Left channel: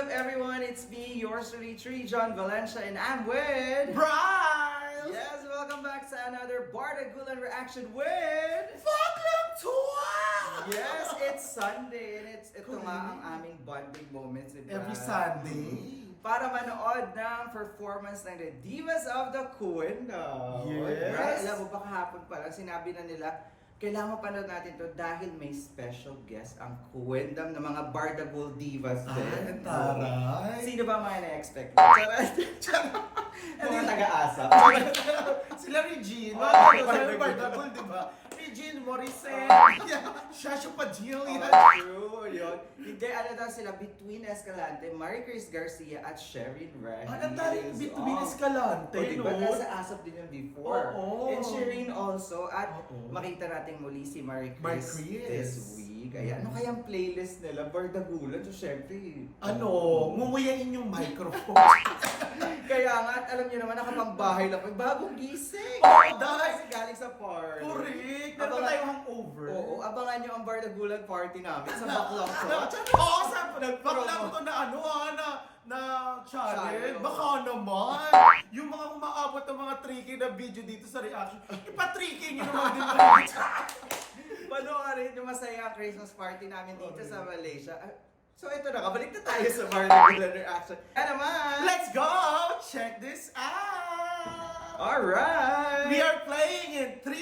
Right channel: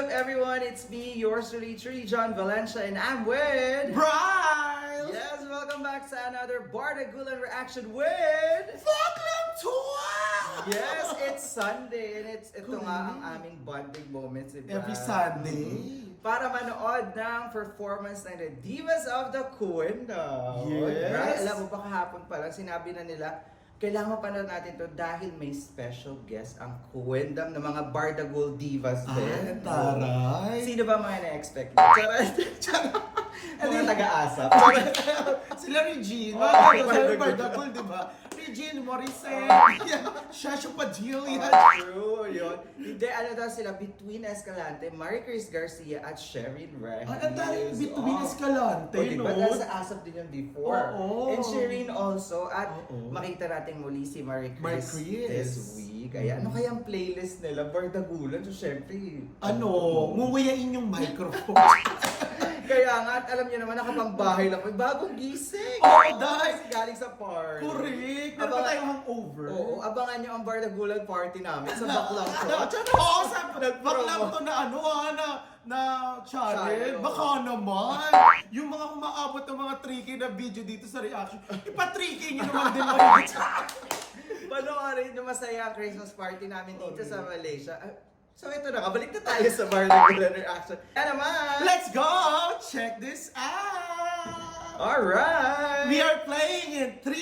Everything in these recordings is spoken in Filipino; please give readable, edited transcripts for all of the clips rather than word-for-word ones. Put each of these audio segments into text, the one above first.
up, everyone? It's me, yours truly, John Valencia, and I'm with... Bryce! Yes, welcome back sa another Bardagulan reaction with... Baklang tuwa! Yes, it's Sunday, and ito nga ang aming bonding moments ni Brad. Every Sunday. Para manood ng performance ng The Divas of the Kuwendam. Yes. Brad, alam mo ba kahapon pa lang, sinabi na nila, kailangan mapanood natin to dahil may special guest ang Kuwendam ng mga Bardagul Divas din. Taray! Sino ba mga na-expect? Charot! Mga taga-asap. Sila Regine. Bardagul. Bardagul, di ba? Regine Morissette. Shasha Padilla. True, yun. Hindi, ano daw sila, Between Escalante, Marie Chris Garcia at Sherin Reyes. Ang daming Between Escalante, O, diba? no? Nasa asap din yun before. Oo. And Sherin also. At Oo. makita natin muli si Marie Chris, Marie Chris. this week. Kaya ano kayang playlist nila? Bardagulan. So, syempre... Mumuyain yung microphone. Kaya nga, at alam niyo naman, nakapangbahay lang ko. Bagong gising! Oo, dahil. Kasi galing sa party. Correct. Meron ba tayong hangover? Oo, abangan niyo ang Bardagulan party namin sa Baclaw to. Oo, sa Nag-promo. baklang to na channel. Channel. Baka naman. Yung mga umaabot ng mga tricky na video dito sa reaction. Ipa-tricky nyo naman din ba? Panoorin yung masaya ang Christmas party namin dito sa Malaysia. So ito na, kabalik na tayo sa Bardagulan reaction. Kaya naman! Let's go! Check this out! Alright! We are playing in 3,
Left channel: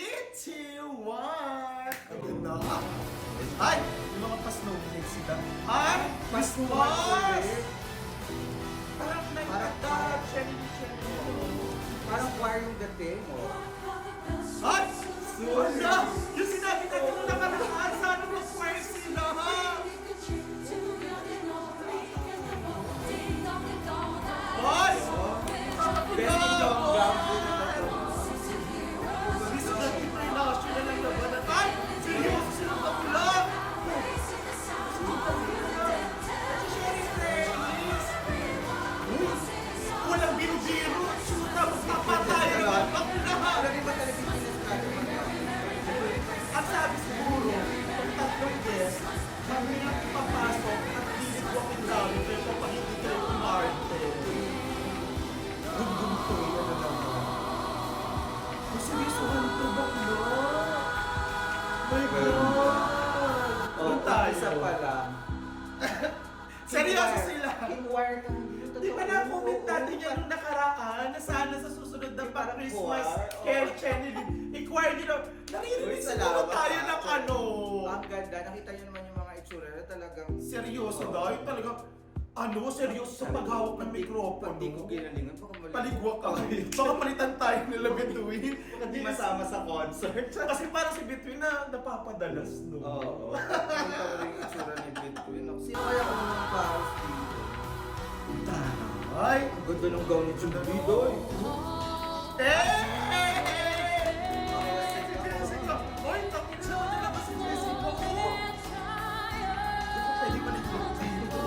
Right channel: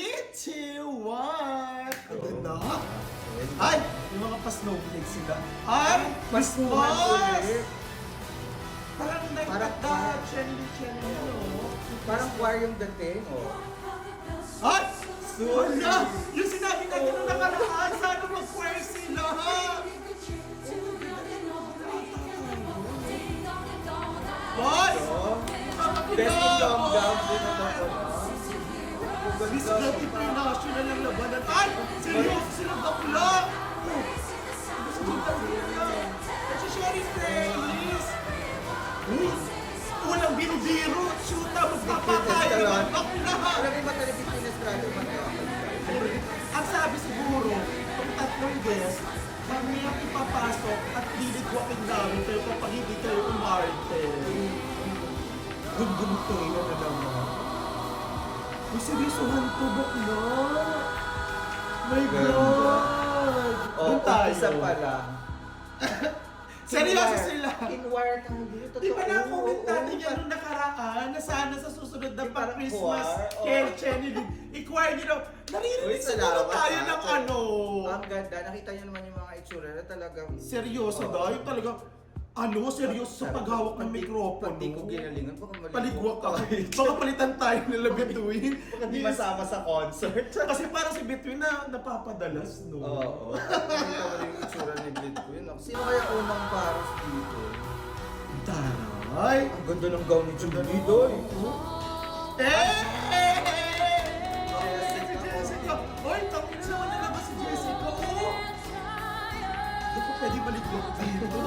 2, 1. Ganda. Ay! Yung mga pa-snowflake sila. Ay! Pasuhan ulit. Parang Parang choir yung dating. Oh. Ay! Sorry. Yung sinabi na yung nakaraan, sana mag-work sila ha! Boss! Best in long gowns din ito. Dito na yung pinasyon na ng labanan. Ay! Seryoso sila bakla! Walang biro-biro! Suta, magpapatayo! Ako lahat! Alam mo ba talagang pinastrado ba? Ang sabi siguro, pag tatlong guest, kami na ipapasok at hilig walking namin pero kapag hindi kayo umarte. Gum-gum to, yan na naman. Seryosohan to, bakla! My God! Oh, Doon tayo. isa pa lang. Seryoso sila! In-wire tayo dito. Di ba na-comment natin Oo, yan nung nakaraan na sana sa susunod na Di parang pang-Christmas choir, oh. kay Chenny, i-choir nyo na, Uy, naririnig salamat, siguro tayo ng ah. ano. Ang ganda. Nakita niyo naman yung mga itsura na talagang... Seryoso Oo. dahil talagang, seryoso sa paghawak ng mikropono. Pag di ko ginalingan, baka maligwak Paligwak ka. ka. Baka palitan tayo nila Between. Baka di masama sa concert. Kasi parang si Between na napapadalas, no? Oo. Nakita mo rin yung itsura ni Between. Sino kaya unang paros dito? Taray! Ang ganda ng gown ni Julie doy. Eh! Hoy, tapos naman nila ba si Jessica? Di ko pwede paligwak dito.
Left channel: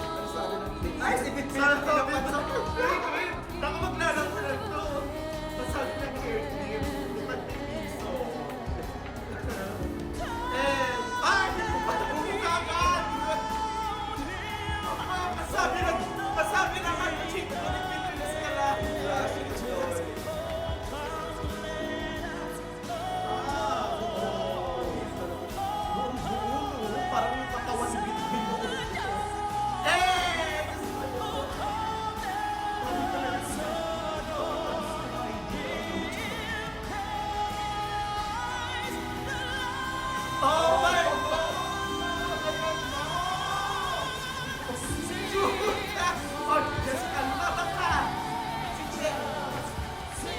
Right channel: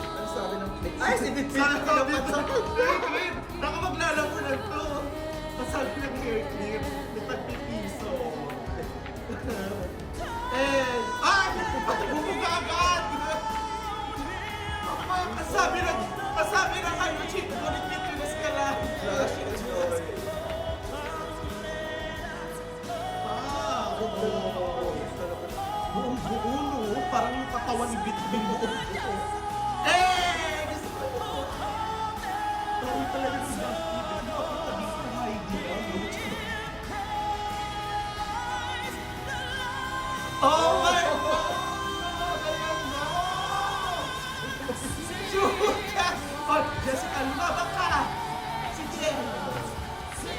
Ano sabi ng Ay, si Between Sana yung ka, pinapatok. Between! Baka maglalaro lang to. Pasal ko yung airplane. Lipad ni piso. Patapos ka agad! Pasabi na ano, chika ko ni Between ka lang. Buong-buo, parang yung katawan ni Between mo. Oh my God! Oh, Jessica, lumabas ka! Si Jen!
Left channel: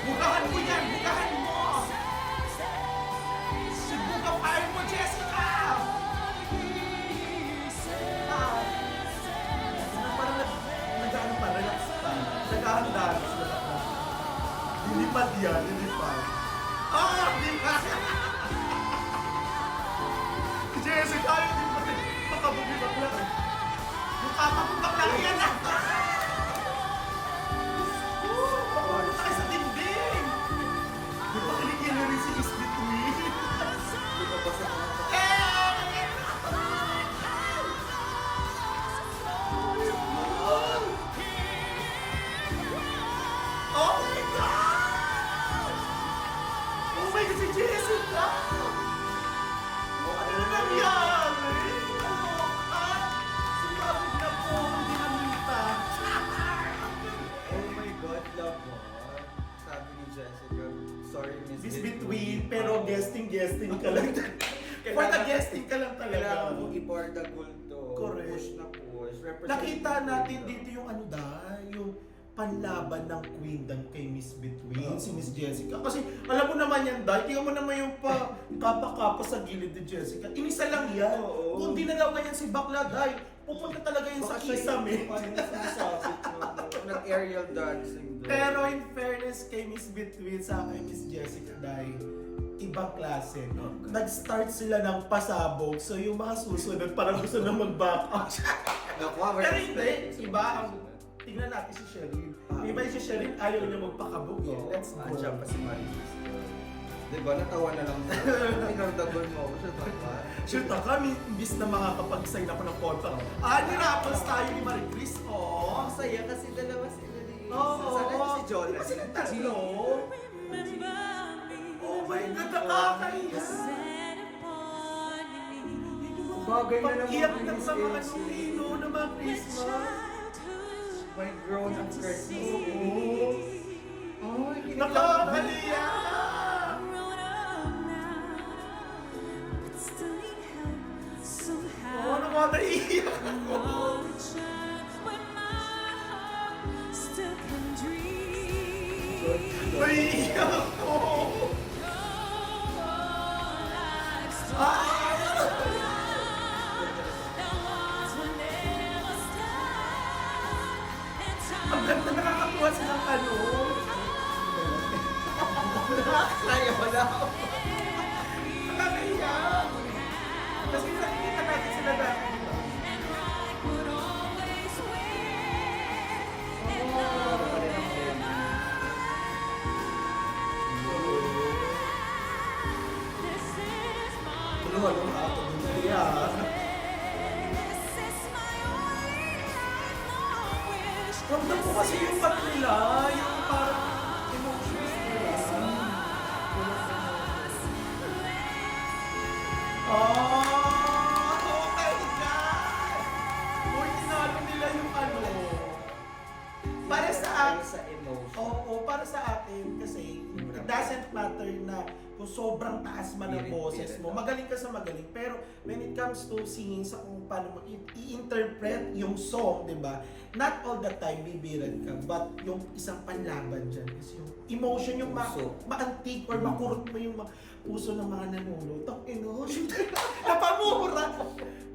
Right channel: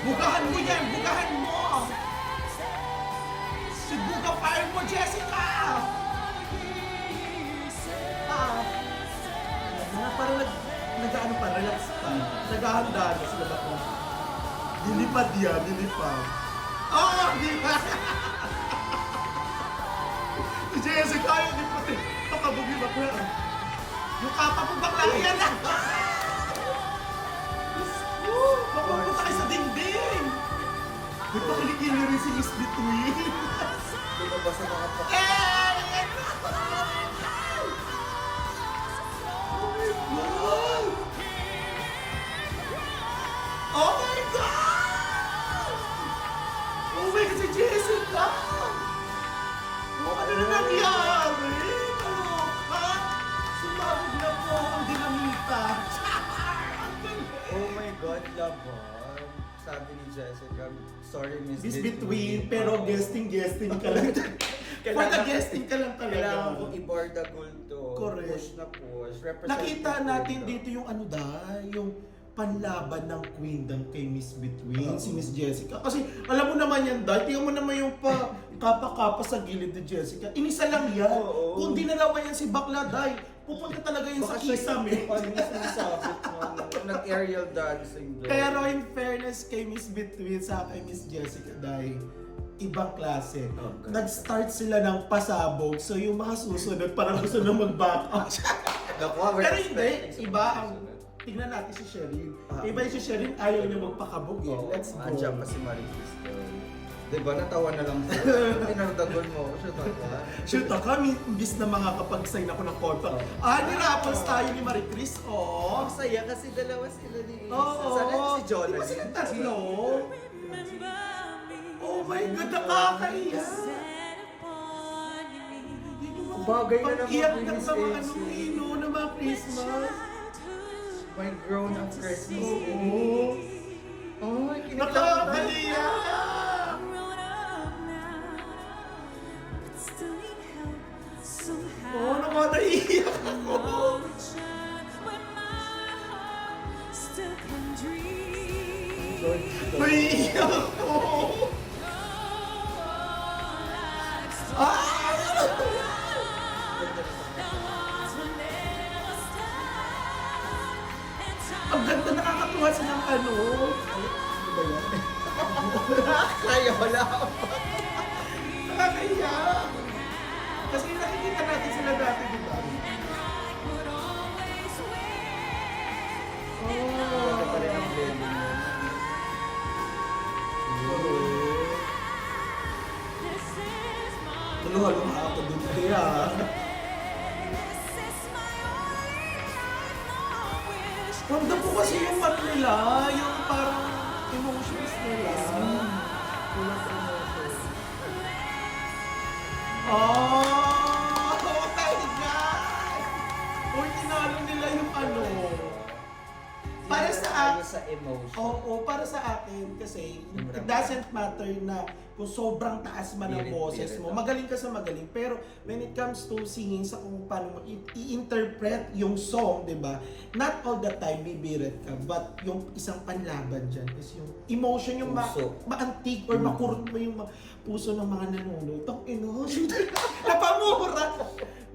Bukahan mo yan! Bukahan mo! Bukapain mo, Jessica! Parang nag-ano pa, relax pa. Nag-ahanda sila ako. Lilipad yan, lilipad. Lilipad! Si Jessica, hindi pati patabog yung bakla. Yung kapa kong bakla yan na! Pupunta kayo sa dingding! Di ba kinikili rin si Miss Between? Lumabas sa mga Eh! Miss Between, pero guesting ka lang. For the guesting ka lang talaga. Kailangan ko i-borda gold to. Correct. Push na push. Represent Nakita yung natin gold, dito yung ano yung panlaban ng Queendom kay Miss Between, si Miss Jessica. Kasi alam mo naman yan, Day, tingnan mo naman yung kapa-kapa sa gilid ni Jessica. Inisa lang yan. Oo. Kung dinalawa yan si Bakla, Day, pupunta talaga yun sa kisame. Ano yung sinasabit nag-aerial dancing doon. Pero in fairness kay Miss Between sa kay Miss Jessica, Day, ibang klase. Okay. Nag-start sila ng pasabog, so yung mga susunod parang gusto na mag-back out. Nakuha, we're Pero hindi, expecting iba sa ang susunod. tignan natin si Sheryl. Iba yung si Sheryl, ayaw niya magpakabog eh. Let's go. Andiyan pa si Maricruz. Diba, natawa na lang siya. Pinardagon mo ako siya, diba? Shoot ka, imbis na makakapag-sign ako ng contract. Nirapos tayo ni Marie Chris, oh. Ang saya kasi dalawa sila ni... Oo. Sana si Jonah. Di ba sila tatlo? Oh my God, nakakaiyak. Bagay na naman Pag-iyak yung ng Miss mga AC. na mga Christmas. My grown up Christmas. Oo. Oh, kinikilang ko na. Nakakaiyak. Oh, nakakaiyak ako. Naiiyak ako. Ang ganda, nakakatuwa silang ano. Kaya wala. Nakakaiyak. Kasi nakikita natin sila dati, di ba? Ito pa rin ang baby. Halo-halo ako din kaya. Ramdam ko kasi yung mat nila, yung parang emotions nila. Oh my God! Uy, tinalo nila yung ano. Para sa Tayo sa emotion. Oo, para sa akin kasi it doesn't matter na kung sobrang taas man ang Pirit, boses pirit, mo. oh. Magaling ka sa magaling. Pero when it comes to singing sa kung paano mo i-interpret yung song, di ba? Not all the time bibirat ka, but yung isang panlaban dyan is yung emotion, yung Puso. maantig or makurot mo yung puso ng mga nanonood. Tang ino, napamura.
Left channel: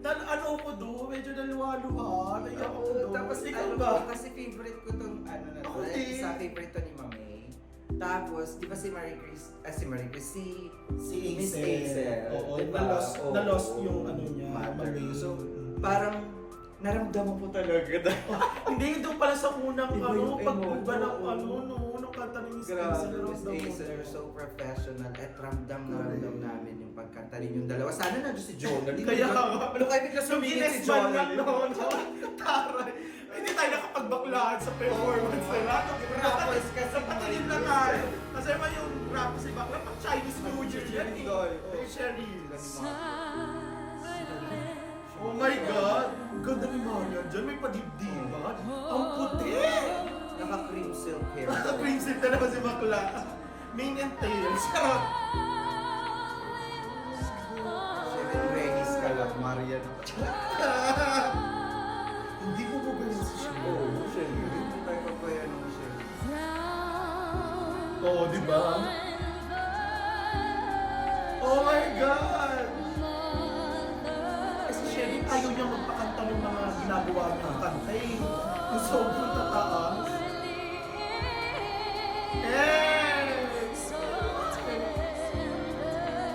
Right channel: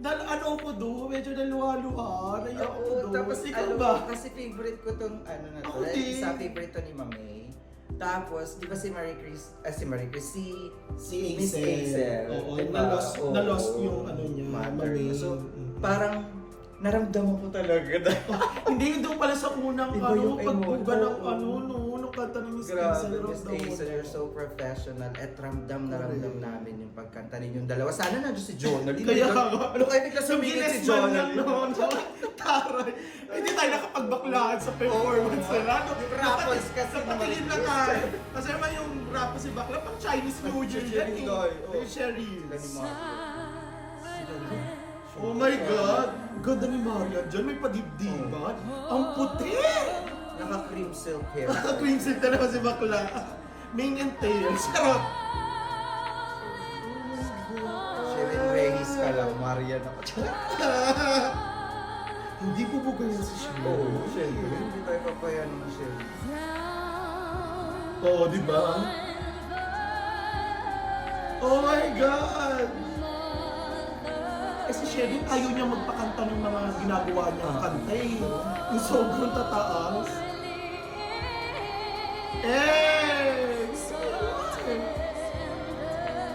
Ano ko do, medyo naluha-luha. Naiyak ko Oo, do. tapos Ikaw alam ba? mo, kasi favorite ko tong ano na to. Ako din. Isa favorite to ni Mamay. Tapos, di ba si Marie Chris, si Si Miss Hazel. Oo, Diba? na-lost Oo. yung ano niya. Mother. Mamay. So, parang naramdaman ko talaga. Hindi doon pala sa unang Iba yung pagbuga ng emotion. nung kanta ni Miss Grabe, Hazel, Miss ramdam mo. Hazel, you're so professional at ramdam na ramdam namin yung pagkanta rin yung dalawa. Sana nandiyo si Jonah. Kaya nga. Ano kaya bigla sumingit si Jonah? Taray. Hindi tayo nakapagbaklahan sa performance nila. Yung rappers kasi Napatingin na Marie tayo. Kasi naman yung rappers si Bakla, pang Chinese New Year. Cheryl yan Doy, eh. oh. Cheryl. Sila ni Oh my God! Ganda ni Maria dyan, may padibdiban. Ang puti! Naka-cream silk hair. Naka-princess ka naman si Bakla. Mane and tails. Charot! Sheryl Reyes ka lang, Maria na. Hindi po mo ganyan si Sheryl. Oo, syempre. Hindi tayo papayan ng Sheryl. Oo, di ba? Oh my God! Kasi Sheryl, ayaw niya magpakanta ng mga ginagawa niya ang kanta eh. Yung sobrang tataas.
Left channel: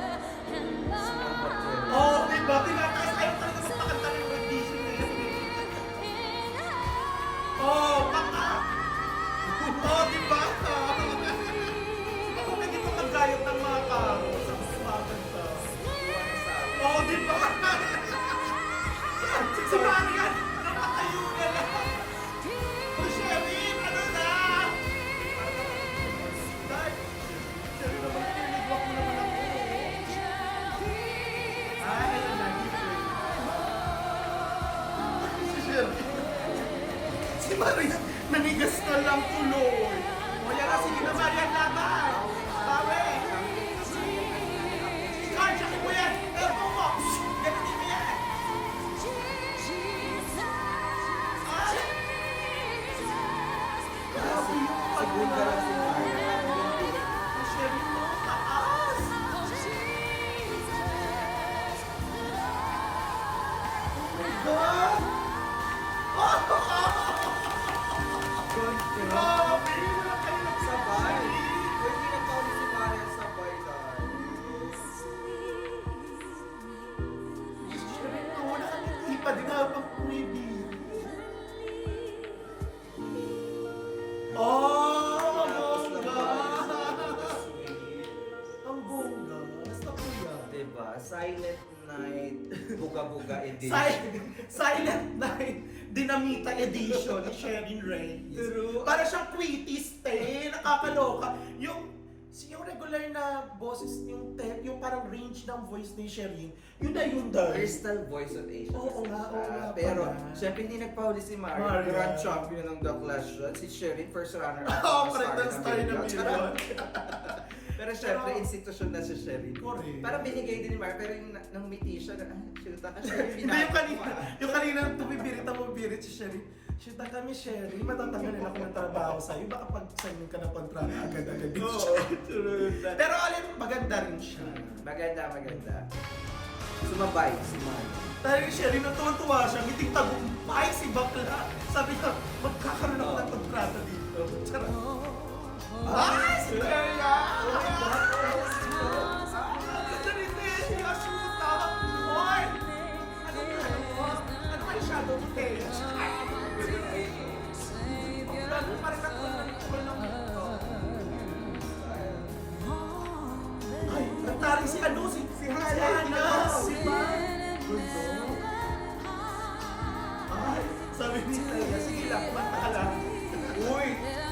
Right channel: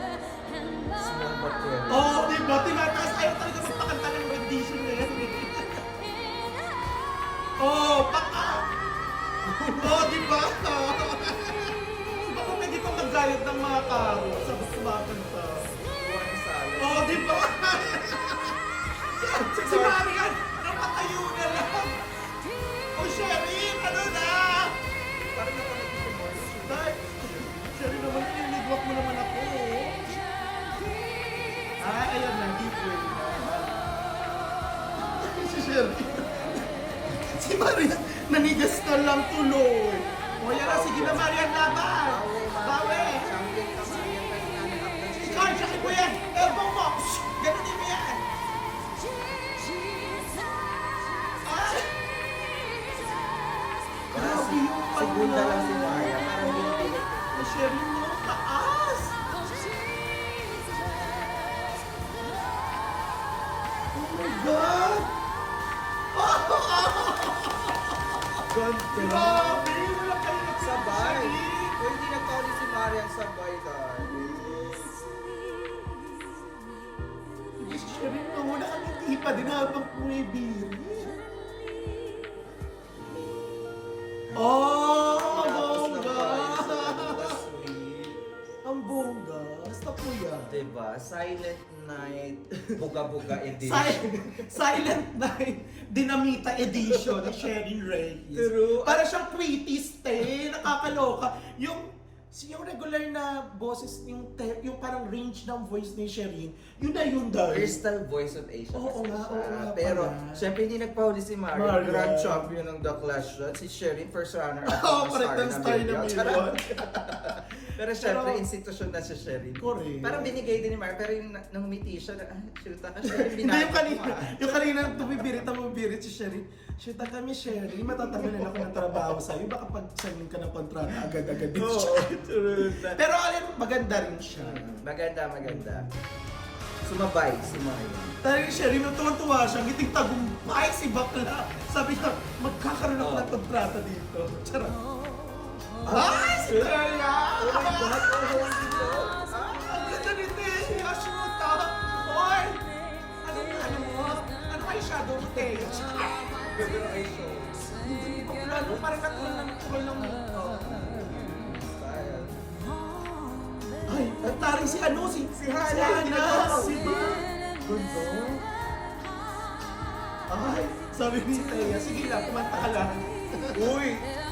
Small but very. Oo, di ba? Tinataas ayaw talaga magpakanta ng rendition na yan. Oo, baka! Oo, di ba? Ako may gitong nagayot ng mga tao sa kumakanta. Oo, di ba? Si Marian, napatayo na lang. O Sheryl, ano na? Parang napatayo. Sheryl naman, tinigwak mo naman ako. Ayan na, dito. Si Sheryl. Si Maris, nanigas ka lang tuloy. O yan, sige na Marian, laban. Bawi. Ganda. Grabe, wala kayo Sabay. Kung hindi nagpauli si Marian, sabay guys. Sherry, wala kang ipa din habang pumibili. Oh, ang bongga! Ang bongga. Basta po yan. Diba? Silent Night, Buga-Buga Edition. Silent Night, Dinamita Edition ni Sherin Reyes. True. Para siyang Quitties, nakakaloka. Yung regular na boses, yung parang range ng voice ni Sherin, yun dahil. Crystal Voice of Asia. Oo kasi nga, siya. oo nga Pero, pala. syempre hindi nagpahuli si Marian. Marian. Grand champion ng The Clash Shot. Si Sherin, first runner up. Oo, correct, star na million. Pero syempre, Pero- institusyon na si Sherin. Correct. Parang binigay din ni Marian. Pero yung nang umiti siya, shoot ka Sherin, Hindi, binagay yung kanina, mo, ah. yung kanina tumibirit si Sherin. Shita kami, Sherin, matatanggalin ako ng trabaho sa'yo. Baka pag sabihin ka ng kontrata, agad-agad din siya. True. Pero alam, maganda rin siya. Maganda, maganda. Sumabay si Marian. Talaga Sherin, natuwa siya, ngiting tagumpay si Bakla. Sabi ko, magkakaroon ako ng kontrata dito. Charot. Ay, si Sheria! Oh my God! Si Janitin! Si Ashita! Hoy! Ano kayo shadow stage? Ano pa rin ako ng ay, nataring si ano, si Hana, si Gundo. Ay, sabi ni Hana, sige lang, kumanta ka lang. Uy!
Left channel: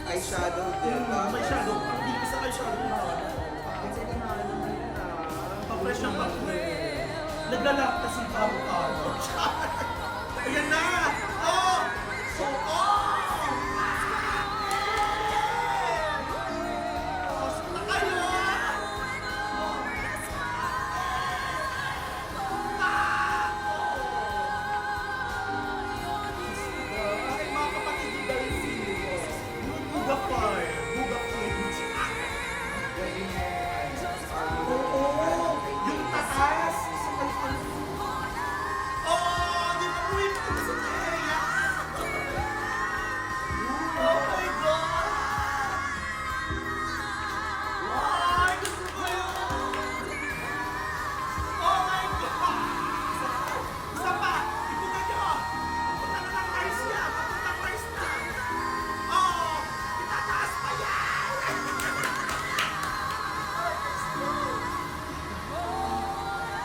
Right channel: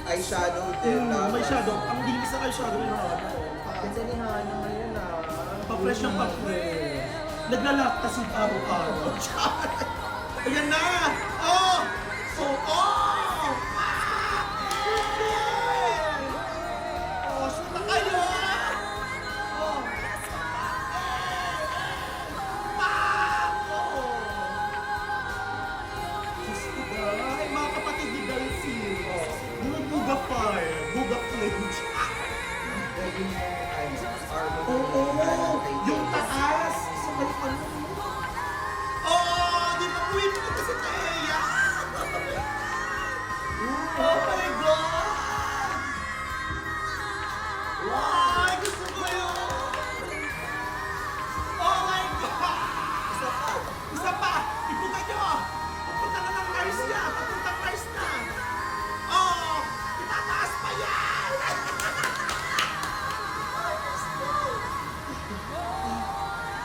Eyeshadow din. May shadow, ang bilis sa eyeshadow ni Hana. Kasi ni Hana ngayon Pa-fresh ang pa-fresh. Naglalak kasi araw-araw. Ayan na! Oh! So, oh! Basta kayo! Ay, mga kapatid ni Delphi. Yung Buga Fire, Buga Flames. Oo, yung taas. Oo, di ba queen ko kasi kaya? Oh my God! Wow, gusto ko yun! Oh my God! Isa pa! Ikutan nyo! Papunta na ng Mars niya! Papunta ng Mars na! Oh! Itataas pa yan!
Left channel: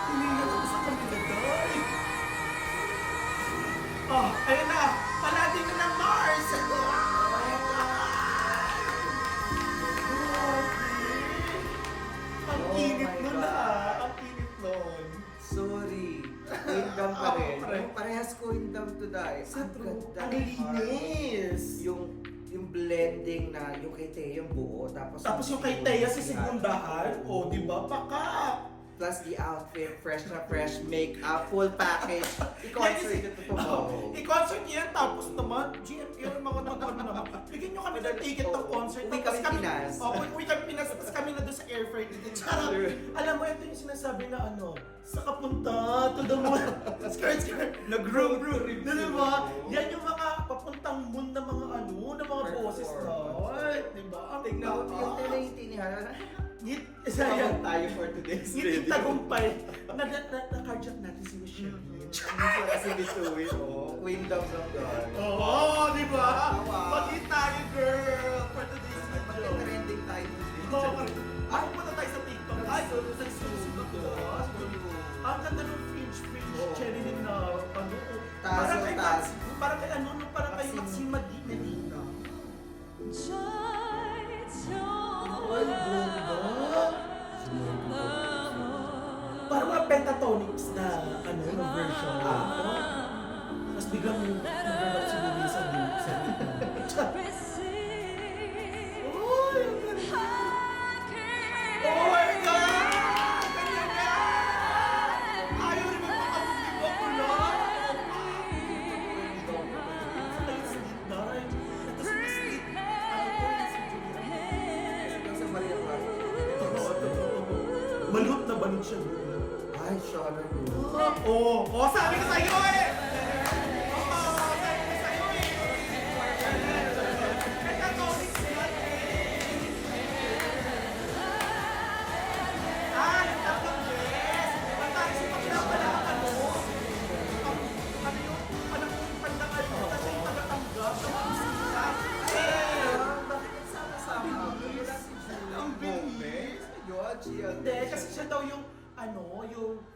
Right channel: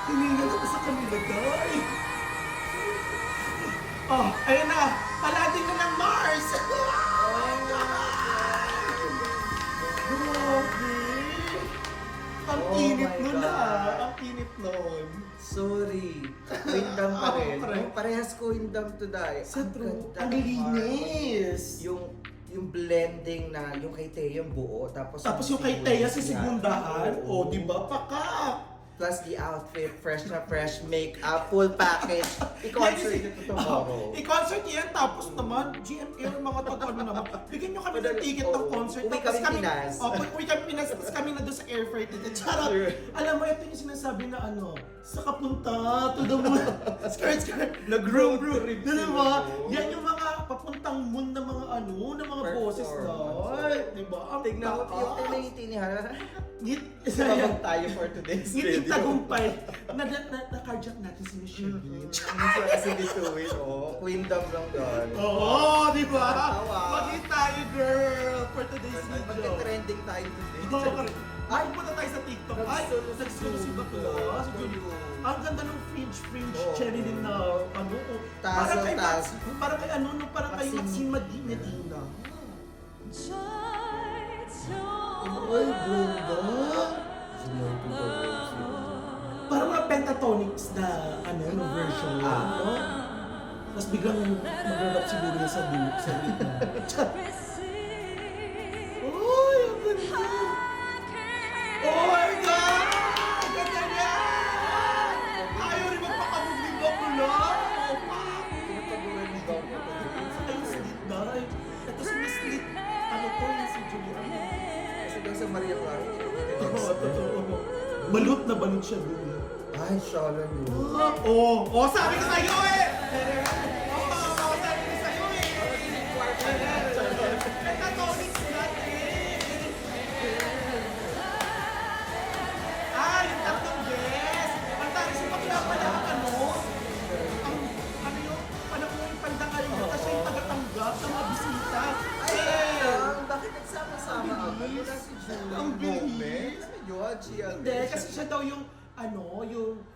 Tumingin ako sa kanila, guy. Oh, ayun na. Palating na ng Mars. Ang Oh init my nun God. Ang init nun. Sorry. Queendom pa rin. correct. Yung parehas Queendom to die. Sa Ang true. ganda Ang ng harmony. linis. Yung blending na yung kay Teo yung buo. Tapos Yung kay Thea si Sigundahan. O, di ba? Paka. Plus the outfit, fresh na fresh, makeup, full package. I-concert ito tomorrow. I-concert yan, tapos naman, GMA, mga totoo naman. Bigyan nyo kami ng ticket ng concert. Uwi tapos kami Pinas. Uwi kami Pinas, tapos kami na doon sa airfare ticket. Charot! Sure. Alam mo, ito yung sinasabi na ano, sa kapunta, to the moon. Skirt. Nag-road trip Di sila. ba? Yan yung mga papuntang moon na mga ano, na mga boses na. Performance. Ay, di ba? Ang Tignan mo taas. yung tiniti ni Hana. Sabag tayo for today's Ngiting tagumpay. Na-carjack natin si Michelle. Hindi siya kasi bituin, oh. Queendom lang guys. Oo, di ba? Tawa. Pati tayo, girl, for today's video. Magte-trending tayo today. Ay, punta tayo sa TikTok. Ay, nagsusunod ko. Ang ganda ng fringe Oo. cherry din na ano. Tassel, tassel. Parang kay ano, parang kay Maxine Medina. Ay, ganda. Parang mga pentatonics na ano, yung version. Ano? Tapos biglang nag-rap siguro sa gitna. Uy! Oh my God! Ganyan na! Ayaw rin magpapalugin ako lang! Ay, sweet boy. Ito si Miss Sweet. Ano po yung si Julia? Ito sa Maria Clara. Totoo. Balut na balut siya doon. Ay, shala yun. Oo, sabi ko sa'yo eh!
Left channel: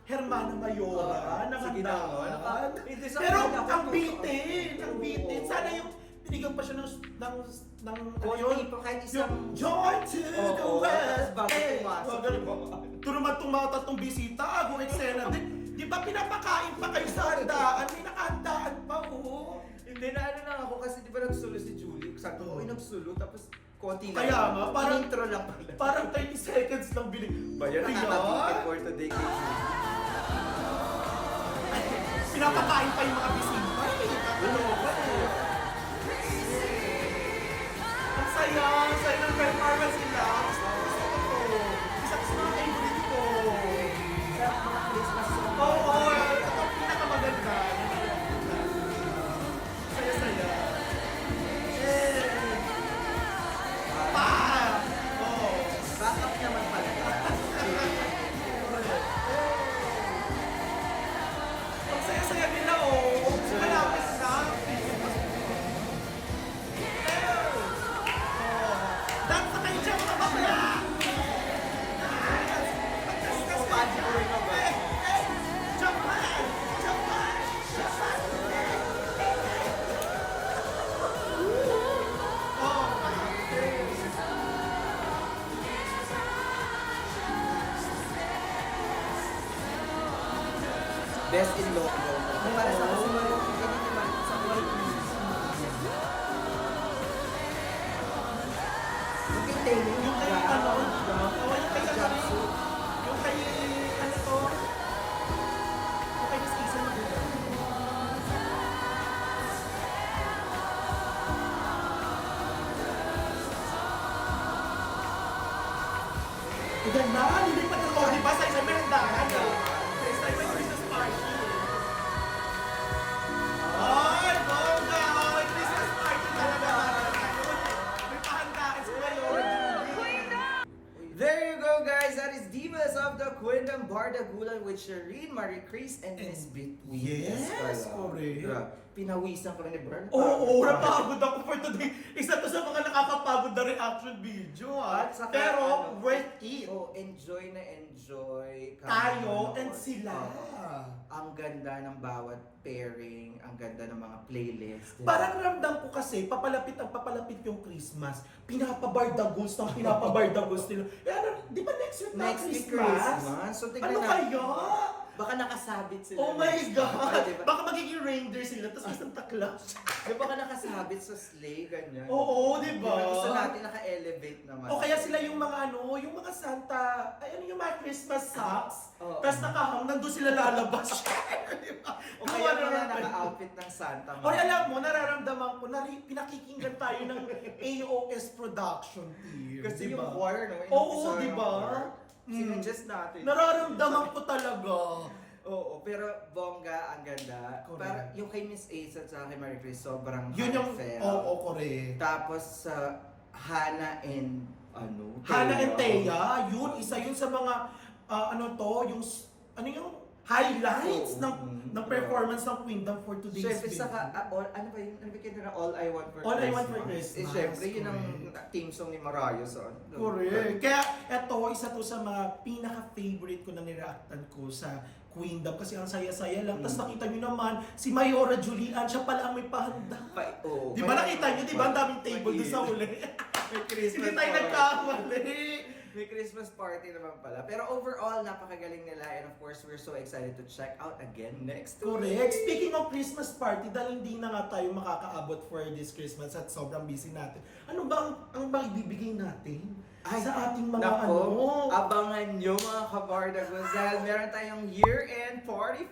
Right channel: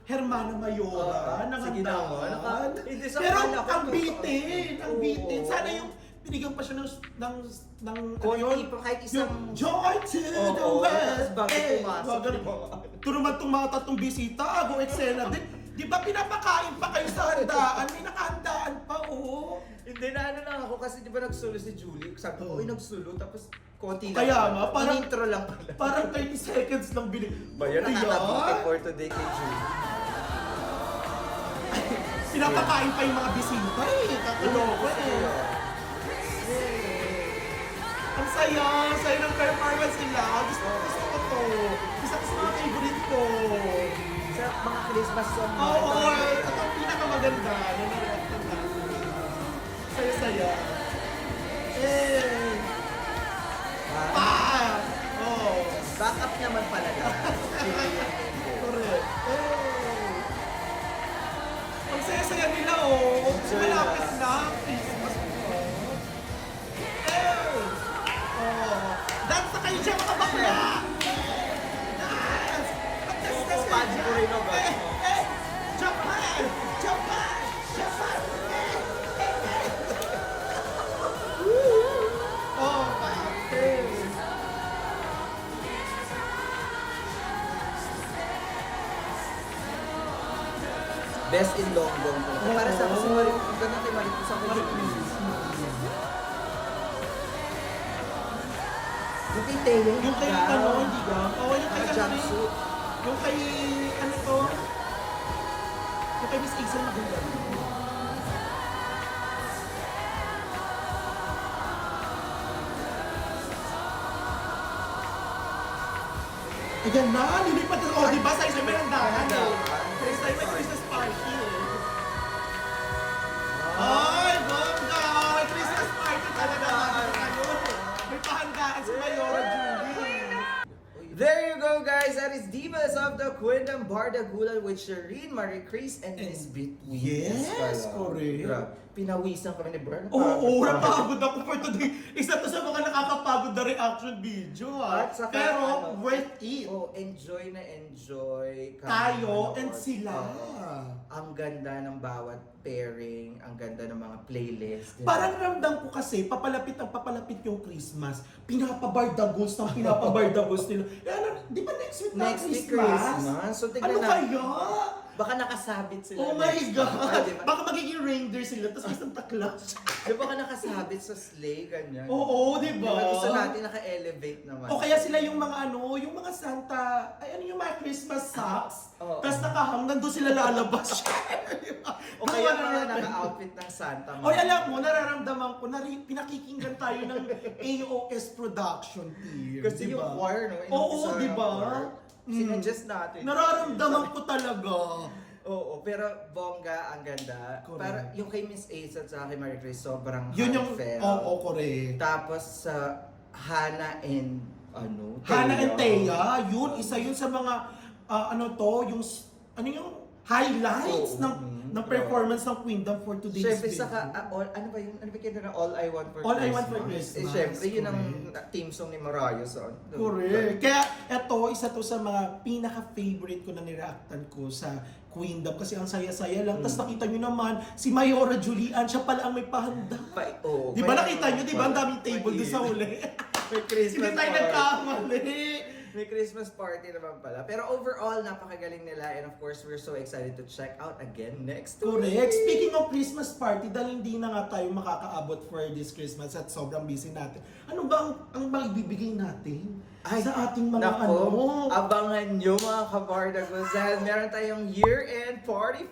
Hermana Mayora, Sige na nga. Hindi sa Pero kanya ko ang to. bitin, ang Oo. bitin. Sana yung binigyan pa siya ng ano Konti pa kahit isang... yung joy to the Oo, world. tapos bago pumasok, ganun. di ba? Ito naman itong mga tatlong bisita, go eksena. Di ba pinapakain pa kayo sa handaan? May nakahandaan pa, oo. Hindi na ano lang ako kasi di ba nagsulo si Julie? Sabi ko, Oo. uy nagsulo tapos konti lang. Kaya nga, parang- In-intro lang pala. Parang 30 seconds lang binig. Ba yun, Kaya, nakakabitin for today kay Julie. Pinapakain pa yung mga bisita. Kakaloka eh. Ang saya, saya ng performance nila. Gusto ko to. Isa ko sa mga favorite ko. Sa mga Christmas song. Oo, ako, ito ang pinakamaganda. Saya-saya. Eh. Pa! Oo. Backup naman pala. Correct. Ang saya-saya nila, oh. Malapit na. Dance na kayo siya, mga bakla. Padi ko rin ang ba? Japan! Japan! Japan! Oh, okay. Best in lockdown. Para sa kasi ganyan kay Marito sa Pilipinas. Yung kay Taylor, Yung kay ano, di ba? Oh, yung kay jumpsuit. Yung kay, ano to? Yung kay Miss Hazel maganda. Ayan na, lilipat yung oh, di ba? Sa isang merenda. Ano? Sa isang Christmas party. Ay, bongga! Christmas party ka na naman. Ano? May pahandaan si Mayora Julie. There you go, guys. That is Divas of the Quindam Bardagulan with Shireen, Marie Chris, and Miss Between. Yes, correct. Grabe. Pinawisan ko rin ni Bern. Oo, napagod ako for today. Isa to sa mga nakakapagod na reaction video, ha? At saka, Pero, ano, worth it. Oh, enjoy na enjoy. kami Tayo manood. and sila. Oo. Ang ganda ng bawat pairing, ang ganda ng mga playlist. diba? Parang ramdam ko kasi, papalapit yung Christmas. Pinapabardagos ng pinapabardagos nila. Eh, ano, di ba next week na Next week Christmas? Christmas. So tignan Ano natin. kaya? Baka nakasabit sila. Oh my next God! week. Ah, diba? Baka magiging reindeer sila, tapos isang taklas. Di ba ka nakasabit sa sleigh, ganyan? Oo, di ba? Diba, gusto natin naka-elevate naman. O kaya sila yung mga ano, yung mga Santa, ay ano yung mga Christmas socks. Oo. Tapos nakahang, nandun sila lalabas. Di ba? O kaya Gawa mga natin. naka-outfit ng Santa. O alam mo, nararamdaman ko na pinakikinggan tayo ng AOS production team. Kasi di yung ba? choir, no? Oo, Inumpisa di yung ba? choir. Sinadjust natin. Nararamdaman ko talaga. Oo, pero bongga, ang ganda. Correct. Para yung kay Miss Ace at sa kay Marie Chris, sobrang Yun yung, heartfelt. oo, correct. Tapos sa Hannah and ano, Hannah and Thea. Thea, yun, isa yun sa mga, ano to, yung, ano yung highlights Oo, ng performance ng Queendom for today's Siyempre video. saka, ano ba yun? Ano ba kinta na All I Want for All I Christmas? Want for Christmas, Siyempre, yun ang correct. team song ni Mariah sa... Correct. Kaya eto, isa to sa mga pinaka-favorite ko na nireactan ko sa Queendom kasi ang saya-saya lang. Tapos nakita nyo naman, si Mayora Julian, siya pala ang may pahanda. Oo. Di ba nakita nyo, di ba ang daming table doon sa uli? May Christmas Hindi tayo party. nagkamali. May Christmas party naman pala. Pero overall, napakagaling nila. And of course, we're so excited to check out again next week. Correct. Speaking of Christmas party, dahil hindi na nga tayo makakaabot for this Christmas at sobrang busy natin, ano ba ang bang ibibigay natin Ay, sa ating mga Nako, ano? abangan nyo mga kabardaguls dahil meron tayong year-end party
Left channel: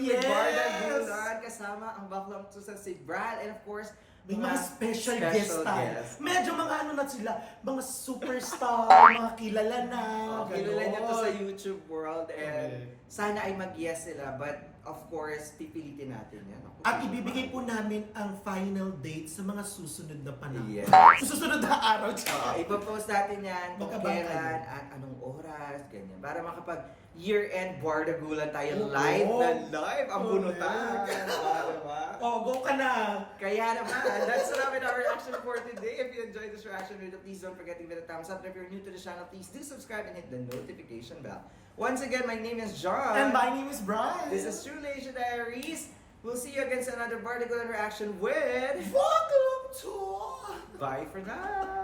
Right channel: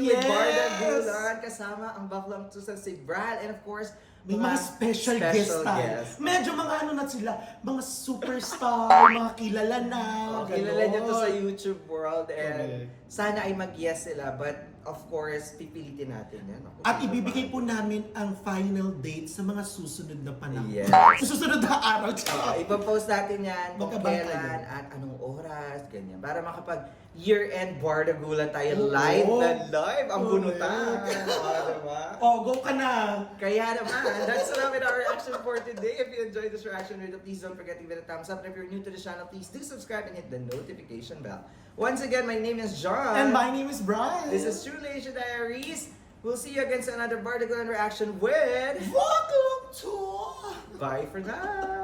with Yes! Bardagulan kasama ang baklang Susan si Bral and of course May mga special guest tayo. guests. Medyo mga ano na sila, mga superstar, mga kilala na. Kilala nyo to ganon. sa YouTube world and Correct. sana ay mag-yes sila but of course pipilitin natin yan. Ako, At sino ibibigay ba? po namin ang final date sa mga susunod na panahon. Yes. Sa susunod na araw. Ipopost natin yan kung Magkabang kailan kayo. at anong oras, ganyan. Para year-end Bardagulan tayo. Oo. Live na live ang Correct. bunutan. Diba? Oh, go ka na! Kaya naman, that's namin our reaction for today. If you enjoyed this reaction video, please don't forget to give it a thumbs up. And if you're new to the channel, please do subscribe and hit the notification bell. Once again, my name is John. And my name is Brian. This is True Asia Diaries. We'll see you again sa another Bardagulan reaction with... Welcome to... Bye for now!